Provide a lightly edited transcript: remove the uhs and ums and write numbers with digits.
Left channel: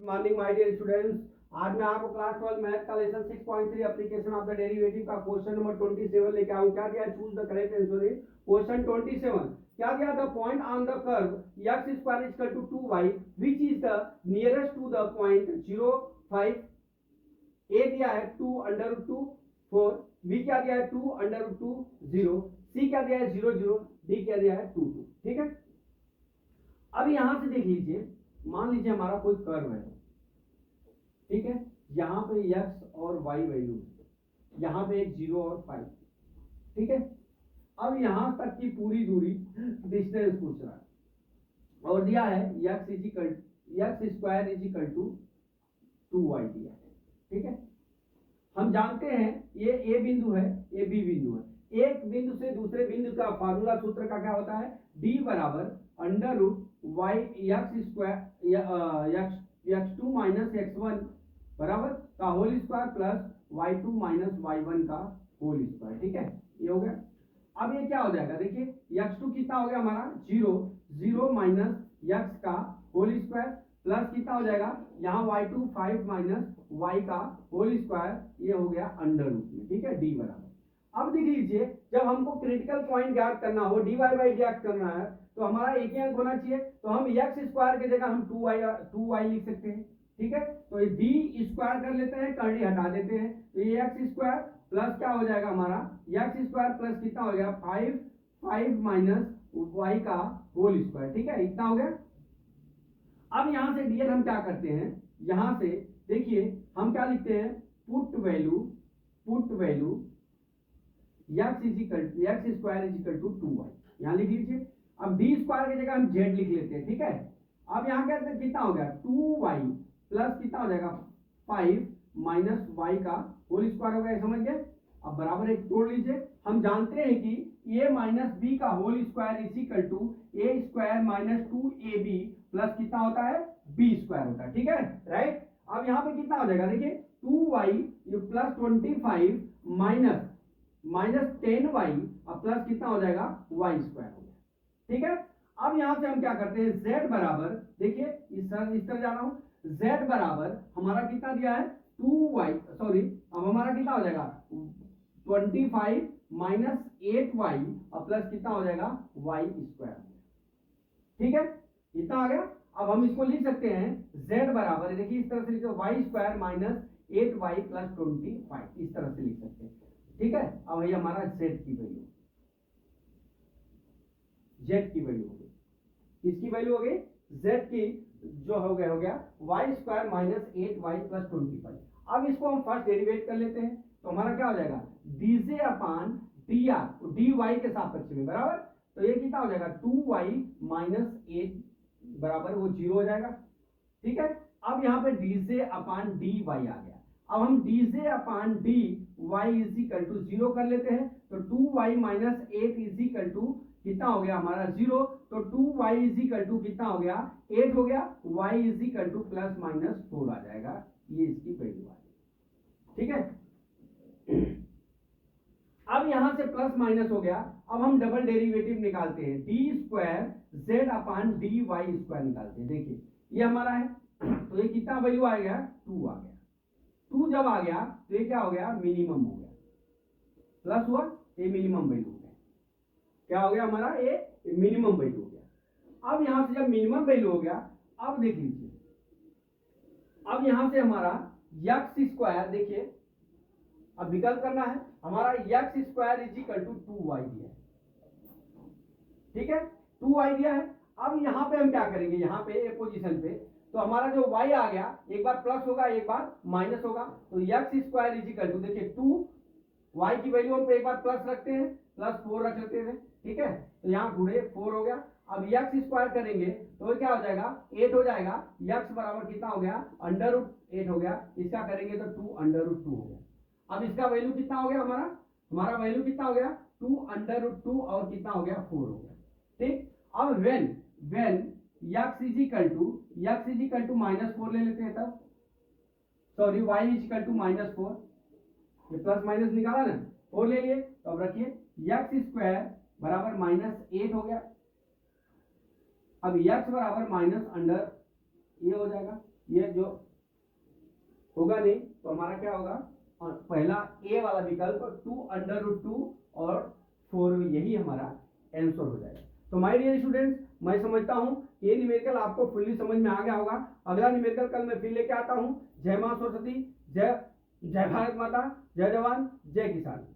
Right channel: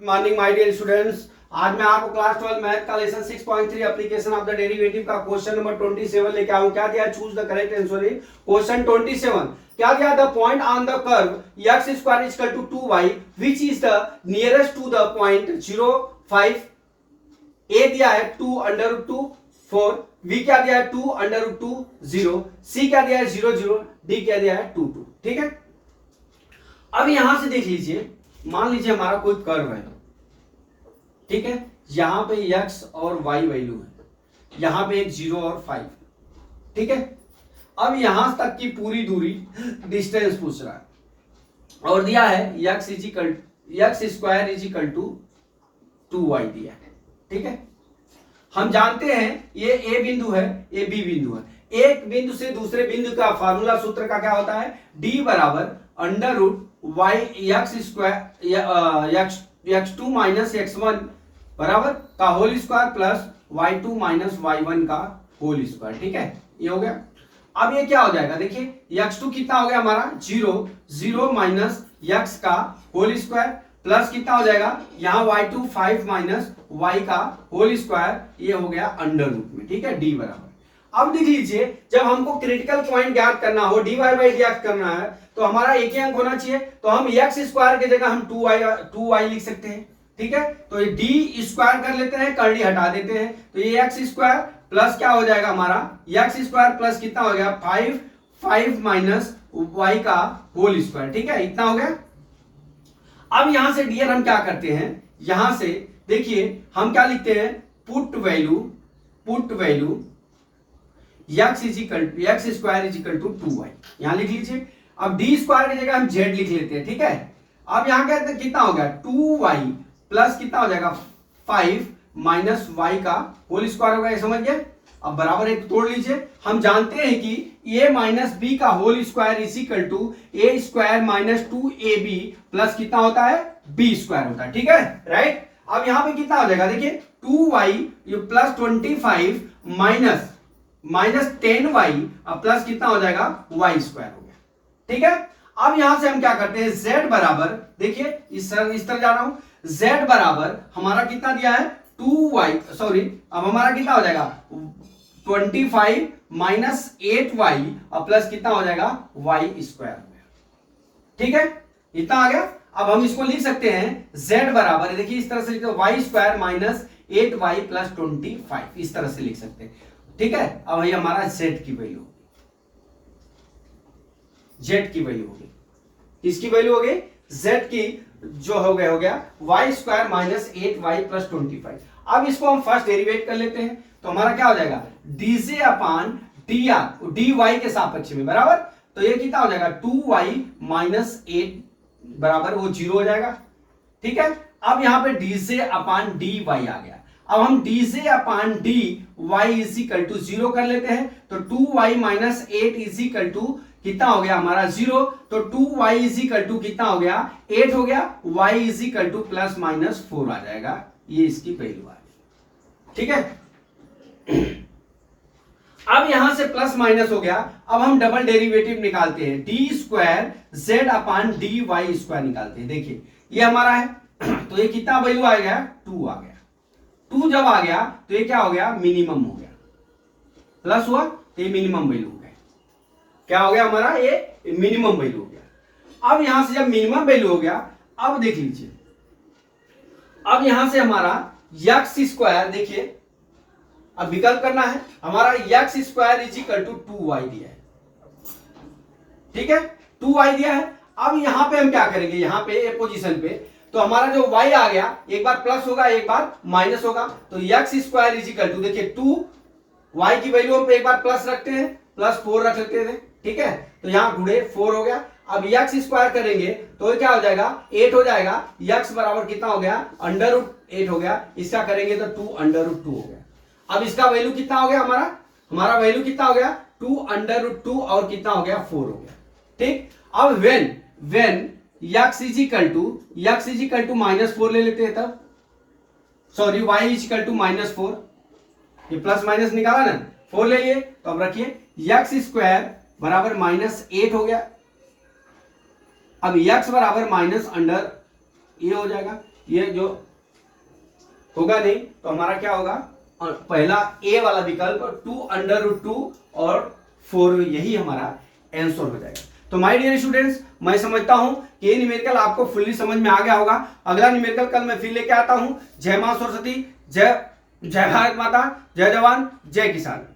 Morning my dear students. आज मैं आपको क्लास 12 मैथ का lesson 6.3 application of the derivative का क्वेश्चन नंबर 27 लेके आऊं। क्या दिया? Choose the correct answer in question 27। क्या दिया? The point on the curve x square is equal to 2y which is the nearest to the point 0 5। a दिया है 2 under root 2 4, b क्या दिया है 2 अंडर रूट 2 0, c क्या दिया है 0 0, d क्या दिया है 2 2। ठीक है, अब यहां से देख लीजिए, मान लीजिए हमारा कोई कर्व है, ठीक है, यहां पे x और y वैल्यू है, यहां पे एक 0 और 5, ठीक है। अब यहां तक की पूरी दूरी डिस्टेंस पूछ रहा है और दिया है x square is equal to 2y दिया है, ठीक है। हम जानते हैं ये a बिंदु है, ये b बिंदु है। एक बिंदु से दूसरे बिंदु का फार्मूला सूत्र का क्या होता है? d बराबर under root y x square x2 minus x1 बराबर का whole square plus y2 minus y1 का होल स्क्वायर। ठीक है, ये हो गया। अब ये क्या हो जाएगा? देखिए x2 कितना हो गया हमारा 0 0 माइनस x का होल स्क्वायर प्लस कितना हो जाएगा यहाँ y2 5 माइनस y का होल स्क्वायर, ये हो गया अंडर रूट में। ठीक है, d बराबर। अब देख लीजिए, जब हमको क्रिटिकल पॉइंट ज्ञात करना हो, dy बाई ज्ञात करना है, तो हमारा एक ही अंक होना चाहिए। तो हम x स्क्वायर की जगह हम 2y लिख सकते हैं। ठीक है, तो ये डी स्क्वायर कर लेते हैं, कर्ली हटा देते हैं, तो ये एक्स स्क्वायर प्लस क्या हो जाएगा हमारा एक्स स्क्वायर प्लस कितना हो गया 5 माइनस वाई का होल स्क्वायर। ठीक है, इतना हो गया। अब यहां से डियर हम क्या करते हैं, यहां से देखिए हम क्या लिखते हैं, put value x square is equal to 2y यहां लिख लीजिए। अब डी स्क्वायर की जगह हम जेड लिख लेते हैं। ठीक है, अब यहां क्या कितना हो गया 2y प्लस कितना हो जाएगा 5 माइनस वाई का होल स्क्वायर होगा, ये समझ गए। अब बराबर एक तोड़ लीजिए। हम जानते हैं कि a माइनस बी का whole square is equal to A square minus 2ab plus कितना होता है b स्क्वायर होता है। ठीक है, राइट। अब यहां पे कितना हो जाएगा, देखिए 2y plus 25 minus 10y plus कितना हो जाएगा y स्क्वायर हो गया। ठीक है, अब यहां से हम क्या करते हैं, z बराबर, देखिए इस तरह जा रहा हूं, z बराबर हमारा कितना दिया है 2y, सॉरी अब हमारा कितना हो जाएगा 25 माइनस 8y प्लस कितना हो जाएगा y स्क्वायर हो गया। ठीक है, इतना आ गया। अब हम इसको लिख सकते हैं z बराबर, देखिए इस तरह से लिखते हैं y square minus 8y plus 25, इस तरह से लिख सकते हैं। ठीक है, अब ये हमारा z की वैल्यू होगी, z की वैल्यू होगी, किसकी वैल्यू हो गई z की, जो हो गया y square minus 8y plus 25। अब इसको हम फर्स्ट डेरिवेट कर लेते हैं, तो हमारा क्या हो जाएगा dz अपान dy के सापेक्ष में बराबर, तो ये कितना हो जाएगा 2y माइनस 8 बराबर वो 0 हो जाएगा। ठीक है, अब यहां पे dz अपान dy आ गया। अब हम dz upon dy is equal to 0 कर लेते हैं, तो 2y minus 8 is equal to कितना हो गया हमारा 0, तो 2y इज इक्वल टू कितना हो गया 8 हो गया, y is equal two plus minus 4 आ जाएगा, ये इसकी वैल्यू आ गई। ठीक है, अब यहां से प्लस माइनस हो गया। अब हम डबल डेरिवेटिव निकालते हैं, D square z upon D Y square निकालते हैं। देखिए ये हमारा है, तो ये कितना वैल्यू आ गया 2 आ गया। 2 जब आ गया तो ये क्या हो गया मिनिमम हो गया, प्लस हुआ तो ये मिनिमम वैल्यू हो गया। क्या हो गया हमारा ये मिनिमम वैल्यू हो गया। अब यहां से जब मिनिमम वैल्यू हो गया, अब देख लीजिए, अब यहां से हमारा एक्स स्क्वायर, देखिए अब विकल्प करना है, हमारा x square is equal to 2y दिया है। ठीक है, 2y दिया है। अब यहां पे हम क्या करेंगे, यहां पे ए पोजीशन पे, तो हमारा जो y आ गया एक बार प्लस होगा एक बार माइनस होगा, तो x square is equal to, देखिए 2y की वैल्यू हम एक बार प्लस रखते हैं, प्लस 4 रख लेते थे। ठीक है, तो यहां गुणे 4 हो गया। अब एक्स स्क्वायर करेंगे तो क्या हो जाएगा 8 हो जाएगा, एक्स बराबर कितना हो गया अंडर रूट 8 हो गया, इसका करेंगे तो 2 अंडर रूट 2 हो गया। अब इसका वैल्यू कितना हो गया, हमारा वैल्यू कितना हो गया 2 अंडर रूट 2 और कितना हो गया 4 हो गया। ठीक, अब when x is equal to minus 4 ले लेते हैं, तब sorry y is equal to minus 4, ये प्लस माइनस निकाला ना, 4 ले लिए, तो अब रखिए x स्क्वायर बराबर माइनस 8 हो गया। अब x बराबर माइनस अंडर ये हो जाएगा ये जो होगा नहीं, तो हमारा क्या होगा, पहला ए वाला विकल्प 2√2 और 4, यही हमारा आंसर हो जाएगा। तो माय डियर स्टूडेंट्स, मैं समझता हूं कि ये न्यूमेरिकल आपको फुल्ली समझ में आ गया होगा। अगला न्यूमेरिकल कल मैं फिर लेके आता हूं। जय मां सरस्वती, जय भारत माता, जय जवान, जय किसान।